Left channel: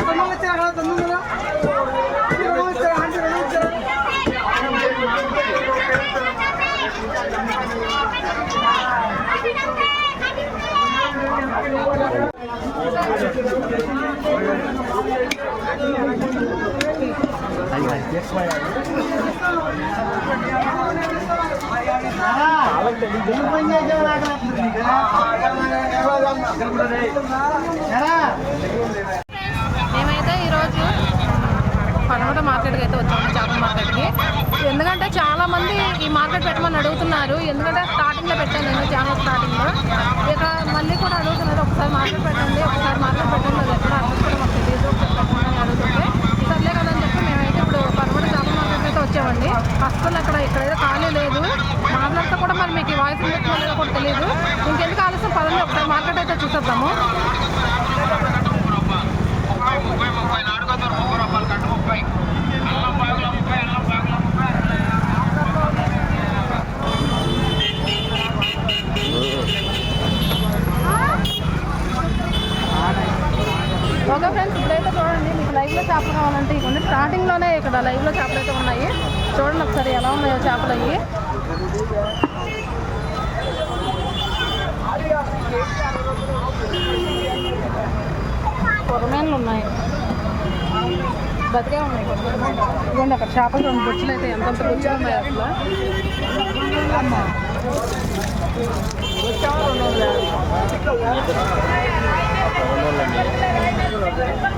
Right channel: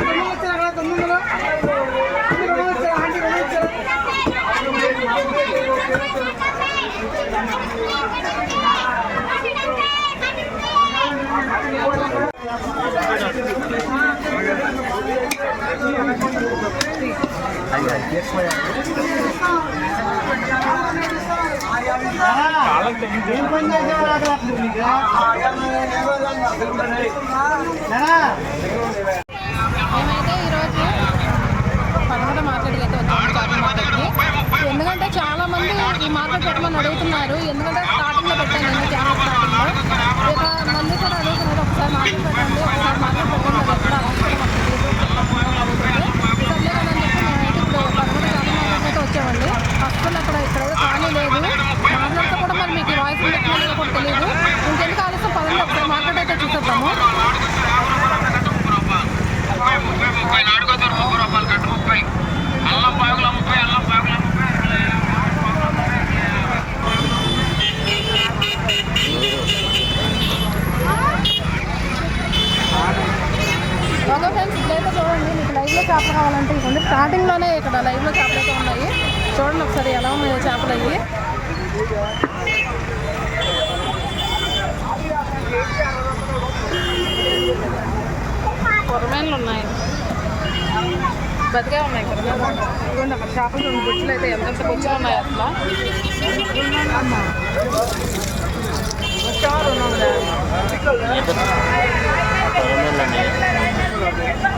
తొమ్మిది వచ్చారా తొమ్మిది వందలు ఆంటీ రెండు వచ్చారా ఆంటీ రెండు వచ్చారా మేమైతే ఈరోజు పనమట మార్కెట్కి అయితే వచ్చాము చేపల మార్కెట్కి. ఎందుకంటే చాలామంది ఈ మార్కెట్ పెట్టమని అడుగుతున్నారు. ఎందుకంటే స్టార్టింగ్లో పెట్టాను నేను ఛానల్ స్టార్టింగ్లో. ఇక మళ్ళీ కూడా అడుగుతున్నారు ఒకసారి మార్కెట్ పెట్టండి ఒకసారి మార్కెట్ పెట్టండి అది ఎక్కడ అవసరం మాకు చెప్పండి అని అడుగుతుంటే సర్లే కదా అని చెప్పి మేమైతే ఇప్పుడు పనమట చేపల మార్కెట్ అయితే వచ్చామండి. అసలు అక్కడ ఇక్కడ ఖాళీ లేదు. మాట్లాడితే కూడా మరి మీకు వాయిస్ పెట్టిన కూడా తెలియదు. ఇంకెందుకు ఆలస్యం? పదండి ఒకసారి మార్కెట్ అయితే చూసేద్దాము ఓకే ఫ్రెండ్స్ ఇప్పుడైతే చూడండి మీకు లైవ్లో చేపలు కావాలంటే ఇది స్టార్టింగ్లోనే ఇక్కడ లైవ్లో చేపలు అయితే ఉన్నాయి చూడండి ఒకసారి ఎలా ఉన్నాయో చేపలు అవి కొరమేన్లు ఉన్నాయి బతికే ఉన్నాయి కొరమేన్లు ఇదిగోండి అక్కడ చేపలు రెండు బుచ్చులు అయితే ఎంతంత బుచ్చులు ఉన్నాయి అట్లా అమ్మా వచ్చావా రెండు వందల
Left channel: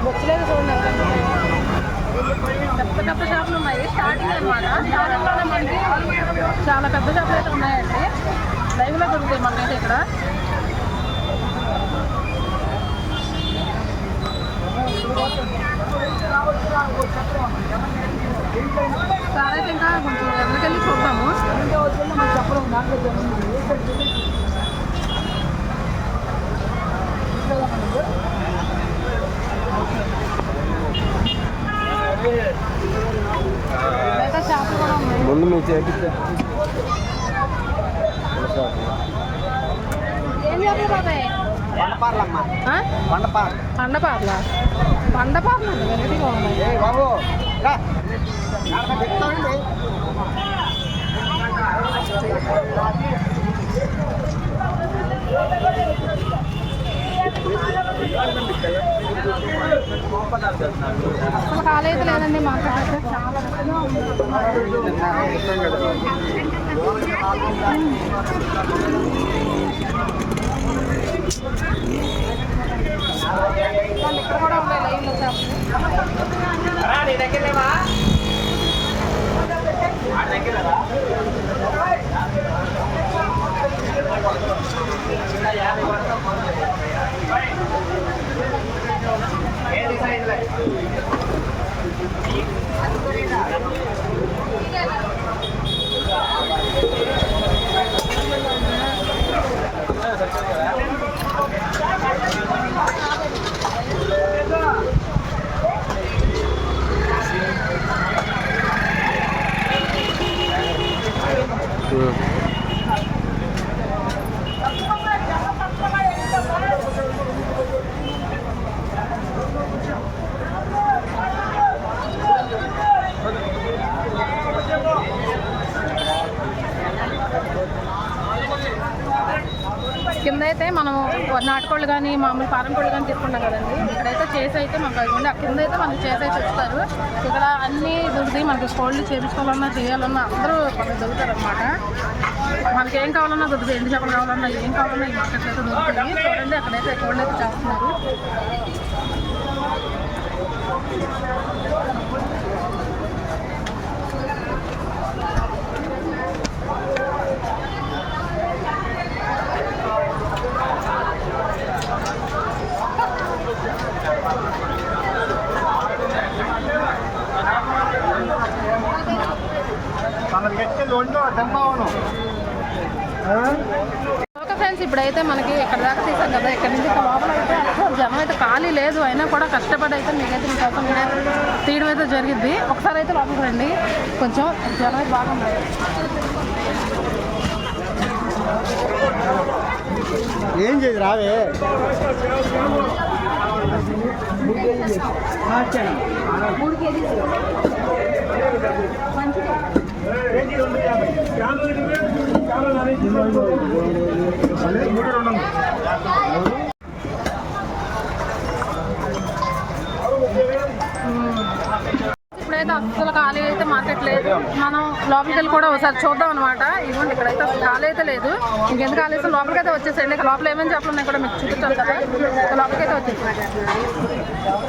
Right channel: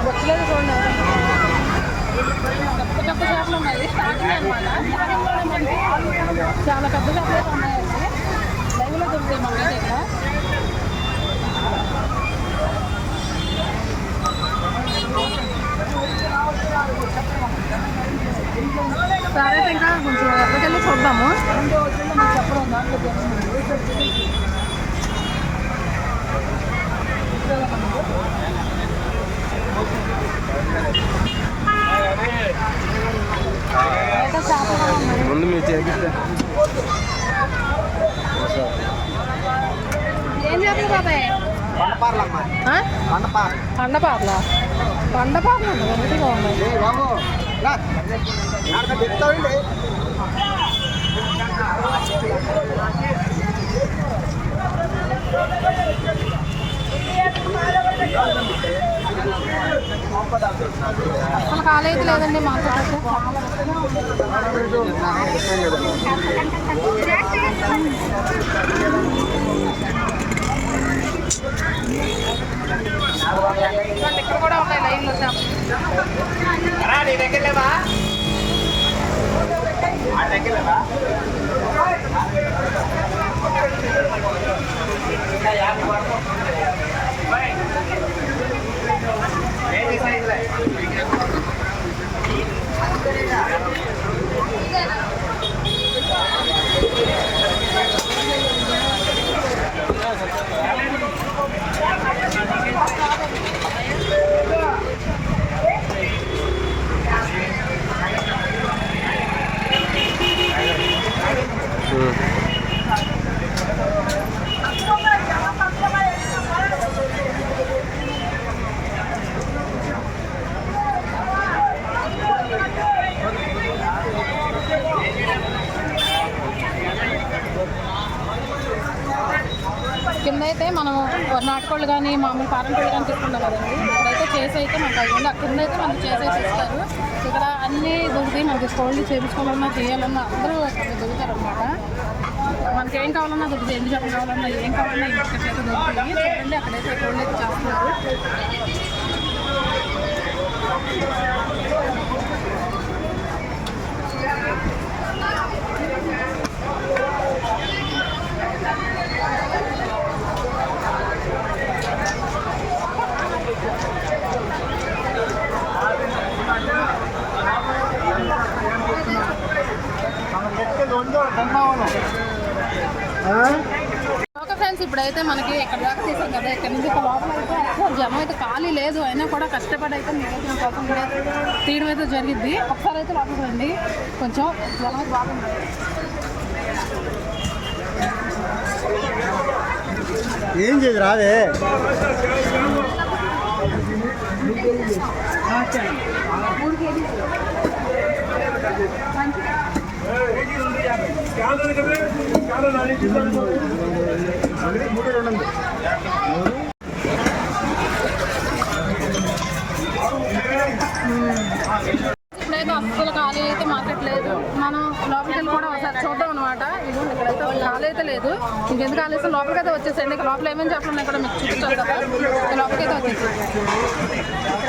బొచ్చలేదు చూడండి ఎంత ఉన్నాయో. పెద్ద షాపులు ఉన్నాయి. స్టార్టింగ్ అనమాట స్టార్టింగ్లోనే మనకి చాలా పెద్ద షాపులు అయితే ఉన్నాయండి. లైవ్లో దొరుకుతాయి మనకైతే ఇక్కడ. సరే అయితే ఇంకా కొంచెం ఎక్కడికెళ్ళి చూద్దాము. అయితే చేపలు కూడా ఉన్నాయి ముందు మీరు చేపిస్తే ఏం చేపలు బాబాయ్? పండపార్లమ్మా ఆ? పండపార్ పండపార్ల పండపార్లు అసలు కాలేదు లేదండి మా అయితే చాలా రకంగా ఇక్కడ కూడా ఉన్నాయి లైన్లో చేపలు కింద ぐらい。నాటుకోళ్ళు కానీ మామూలు పారం కోళ్ళు కానీ తీసుకున్నాం కదండి. ఇక్కడైతే చేసి అయితే మనకు అది ఉంది. కింద అయితే మనకి చేసి అయితే ఇస్తారు. ఇక్కడ అన్ని దొరుకుతాయి. మనకి కోళ్ళు చేపించుకోవాలన్నా చేయాలన్నా అందరూ మనకి దొరుకుతారు అనమాట మనకి ఏం కావాలన్నా దొరుకుతుంది ఎండు చేపలు కావాలన్నా ఏం కావాలన్నా ఈ మార్కెట్లో అయితే దొరుకుతుంది చూడండి అక్కడైతే కోళ్ళు అయితే చేస్తున్నారు. ఓకే ఫ్రెండ్స్ ఇప్పుడైతే మనకి ఎక్కడ దాకా తీసాం కదా ఇక్కడ నుంచి ఇక్కడ లోపల అయితే అసలు జనం అయితే ఖాళీ లేదు అయినా కూడా కష్టపడి అయితే మీకైతే మీకోసం కూడా తీయడం అయితే జరిగింది ఒకసారి అయితే లోపలికి రండి. కొంచెం జనం అయితే బాగుంది ఏం చేయదు రాదే? మూడు రెండు వందలు ఇప్పుడైతే అస్సలు ఖాళీ అయితే మార్కెట్ లేదు. మనం లోపలికి వెళ్ళి కూడా ఒకసారి చూద్దాం అనమాట ఇదిగోండి ఇక్కడైతే అసలు ఖాళీ అయితే లేదు. ఇంకెందుకు ఖాళీ అయితే లోపలికి అయితే వచ్చేసేయండి లోపల ఏమేమి చేపలు ఉన్నాయి కూడా మీకు చూపించాలి కదా. లోపలికైతే లోపలికి అయితే వచ్చేసి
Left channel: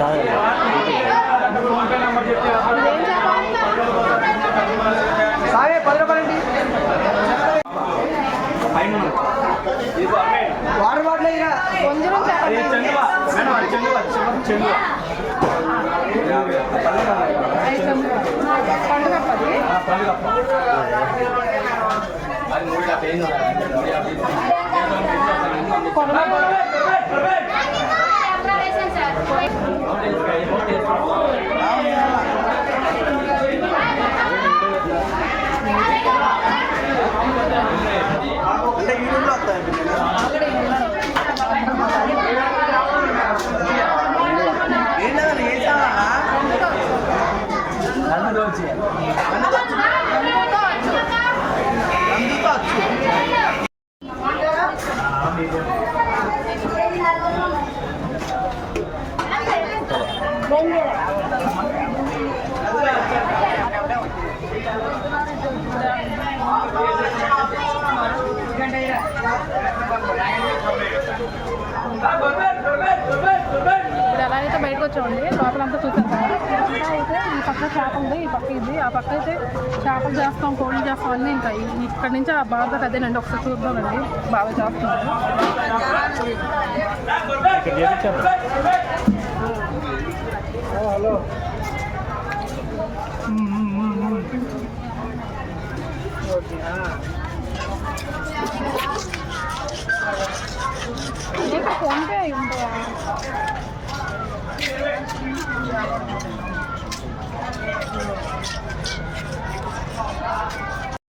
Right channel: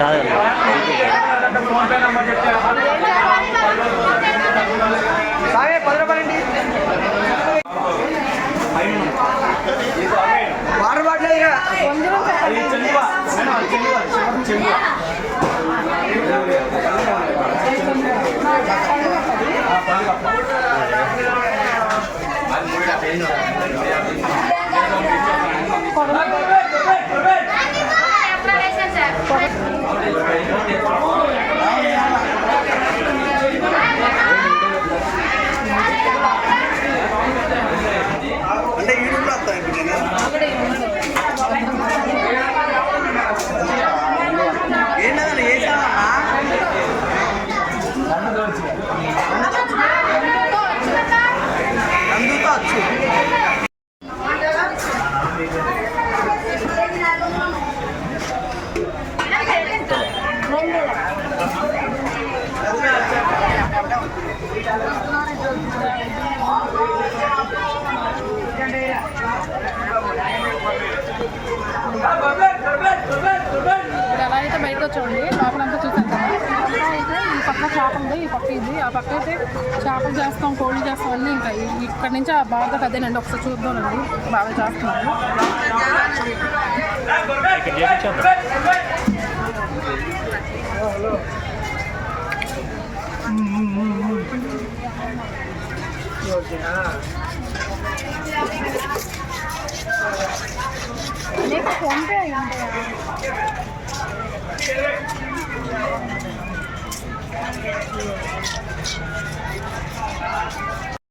టైగర్ అంటే యూట్యూబ్లో వస్తాయి ఇప్పుడు నేను బయటకు వచ్చామండి లోపలంతా చూసాం కదా ఇదంతా అయితే ఈ చేప ఉంది ఈ పక్క ఇది ఆ పక్క అయితే చేపలు చేస్తాం కోళ్ళు చేస్తాం అన్నీ ఇంకా ఇక్కడ నుంచి ఆ బాగా అదేనండి ఒకసారి చూద్దామండి బాగా చేస్తున్నారు. నీకు ఫోన్పే అయి ఉంటాయా?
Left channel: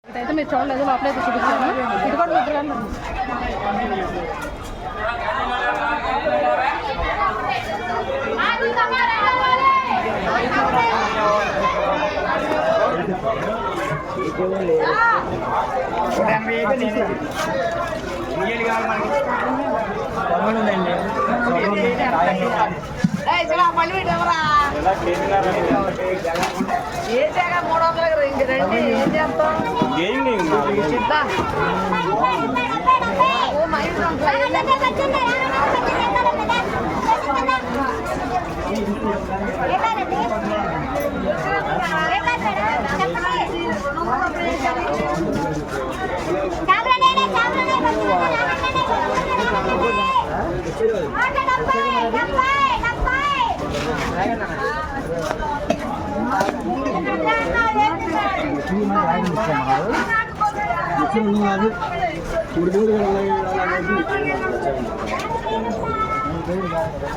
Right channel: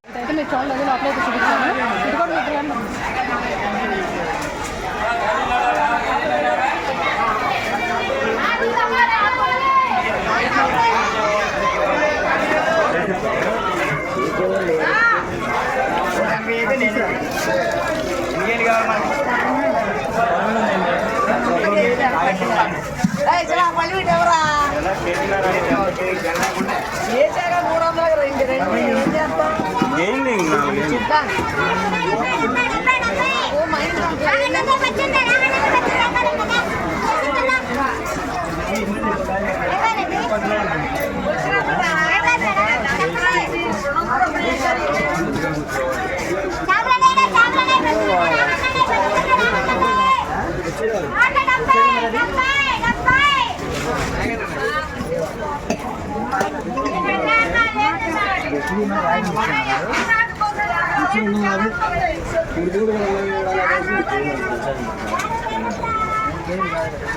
ఇదైతే మీరు చూడలేదు లోపల అయితే చూపించాను. ఇది కూడా మీకు ఇలాంటి ఉంది. ఎనభై అయితే నీకు నీళ్ళు కావాలి పల్లి ఎవరా మనకి ఏసాక మూడు వందలకు రెండు రండి ఏం చేస్తాం ఏంటి నాలుగు ఓ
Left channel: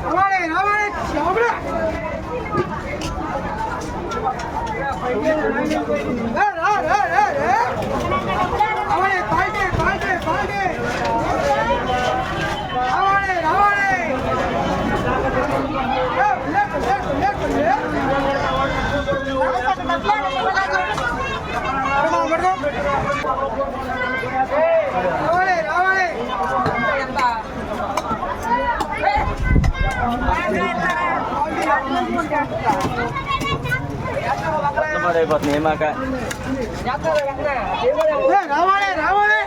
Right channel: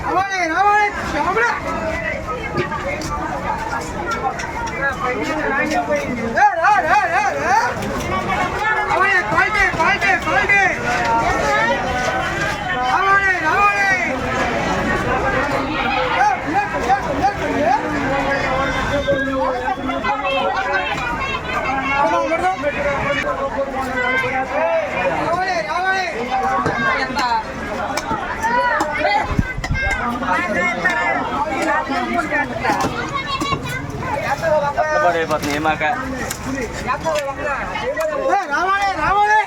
రావాలి రావాలి రావాలి ఏ, రా, రా, రా, రా. రావాలి, క్వాలిటీ, క్వాలిటీ, క్వాలిటీ. రావాలి, రావాలి. ఏ, లేకు, లేకు, లేకు, ఏ. పడదాం, పడదాం. రావాలి రావాలి అయిపోతుంది ఏమాక? రావాలి రావాలి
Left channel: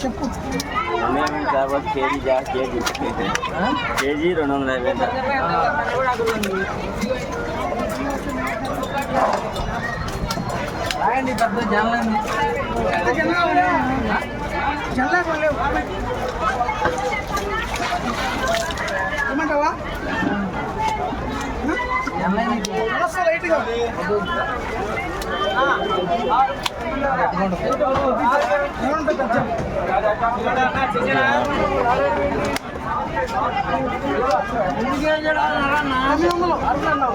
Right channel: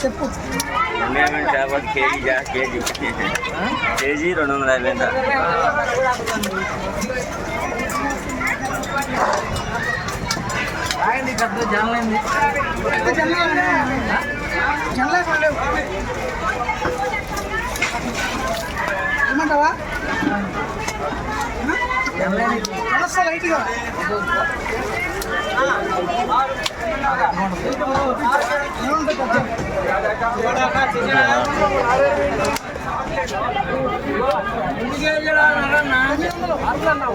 చెప్పు చేపలు కేజీ జా కేజీ. కేజీ రెండు వందల యాభై అంట జల్లా కొనలేవు ఏమంటావా వస్తా లైట్గా ఏమంటుంది కొంచెం? వందలు.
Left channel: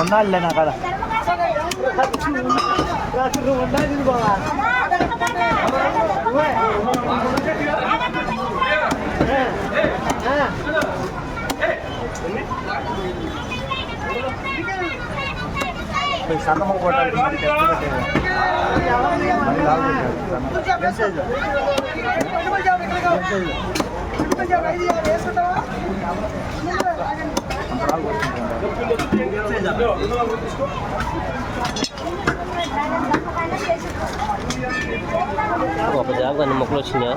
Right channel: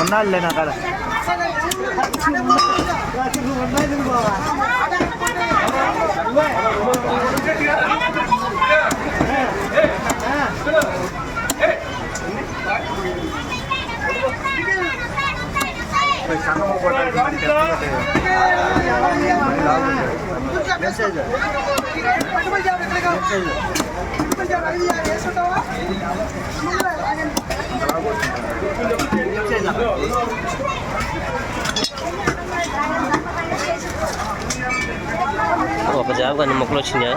అన్నాళ్ళే నా కదా ఒక జాబ్ అన్ని మొక్కలు వచ్చినాయా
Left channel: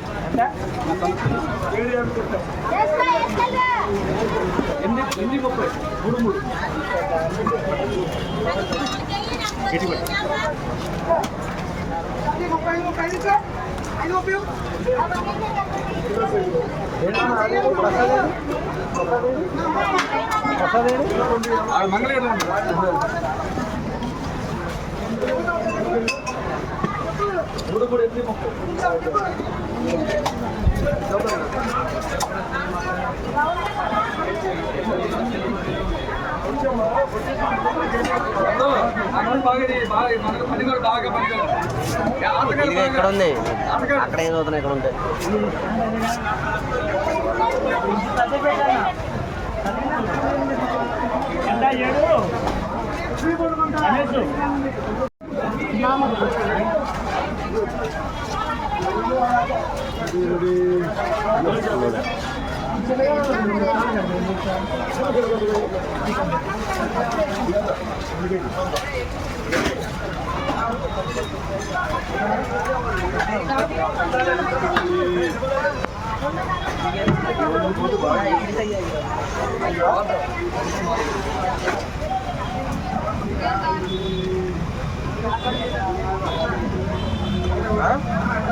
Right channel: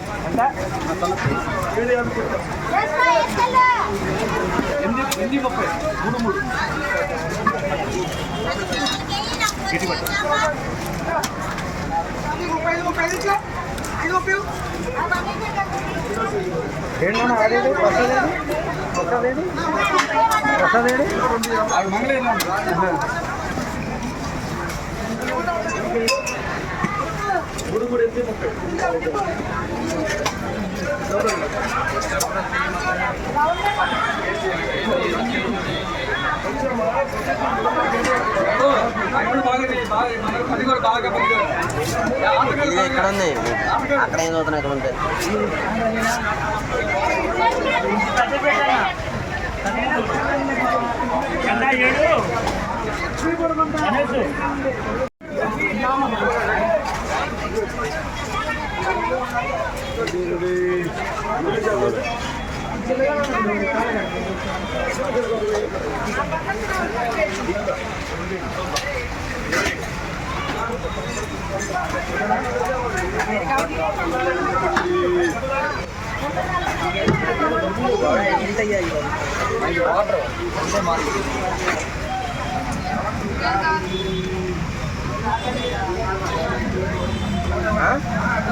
చేసారా ముప్పై ఐదు ముప్పై ఐదు ఇచ్చుకో. ఐదు ముప్పై ఎక్కడ ఉంది. అక్కడ ఏం చదువుతున్నా ఇక్కడ 啊？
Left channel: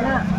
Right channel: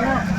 啊？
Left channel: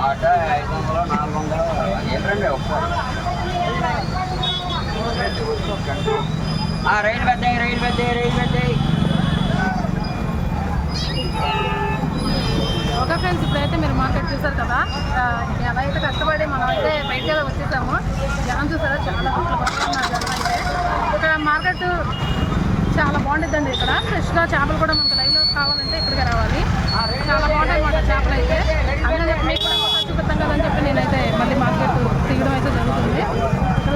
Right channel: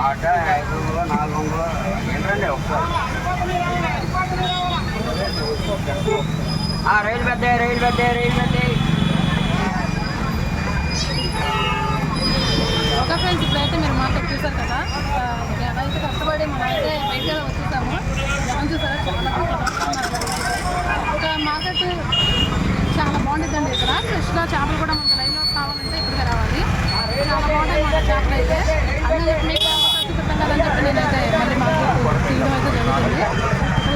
ఆట ఐదు వందలు నాలుగు వందలు ఏంటండి ఒక్క రైలు పెద్ద రైలు పెద్ద రైలు పెద్ద ఓకే ఫ్రెండ్స్ ఇప్పుడైతే మీరు మార్కెట్ చూసారు కదా ఆ, ఎలా అయితే కష్టపడి మనం అయితే బయటకి అయితే వచ్చేసాము జనం చాలా పట్ల పట్టుకున్నారు జనం అయితే. ఇక్కడ మార్కెట్ చాలా బాగుంటుందండి ఇక్కడ. ఫ్రెష్గా చేపలు కూడా మనకు లైన్లో కావాలంటే ఇక్కడికే రావాలి. చాలా బాగుంటాయి మన చేపలు అయితే. అందులో మీకు కూడా ఒకసారి చూపిస్తాం కదని చెప్పి నేనైతే మళ్ళీ మార్కెట్ తీయడం అయితే జరుగుతుంది.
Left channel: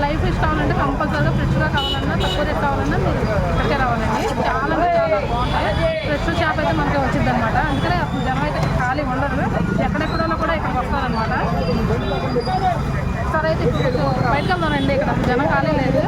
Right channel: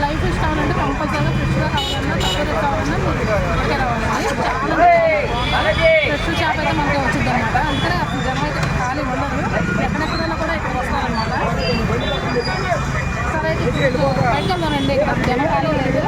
లైఫ్ ఫిష్ కావాలంటే కంపల్సరీగా ఫ్రెష్గా కావాలన్నా తక్కువ రేట్ కావాలన్నా మీరు ఇక్కడికే రావాలండి. చాలా అంటే చాలా బాగుంటుంది ఫ్రెష్ చేప అయితే మనకి వచ్చింది అనమాట అందుకనే అసలు జనం అయితే ఖాళీ ఉండరు. ఎక్కడెక్కడైనా కూడా ఇక్కడికి వస్తారనమాట సరే అయితే ఇప్పుడు కొంచెం బయటకు వెళ్దామండి ఇక్కడ అసలు జనం ఖాళీ లేదు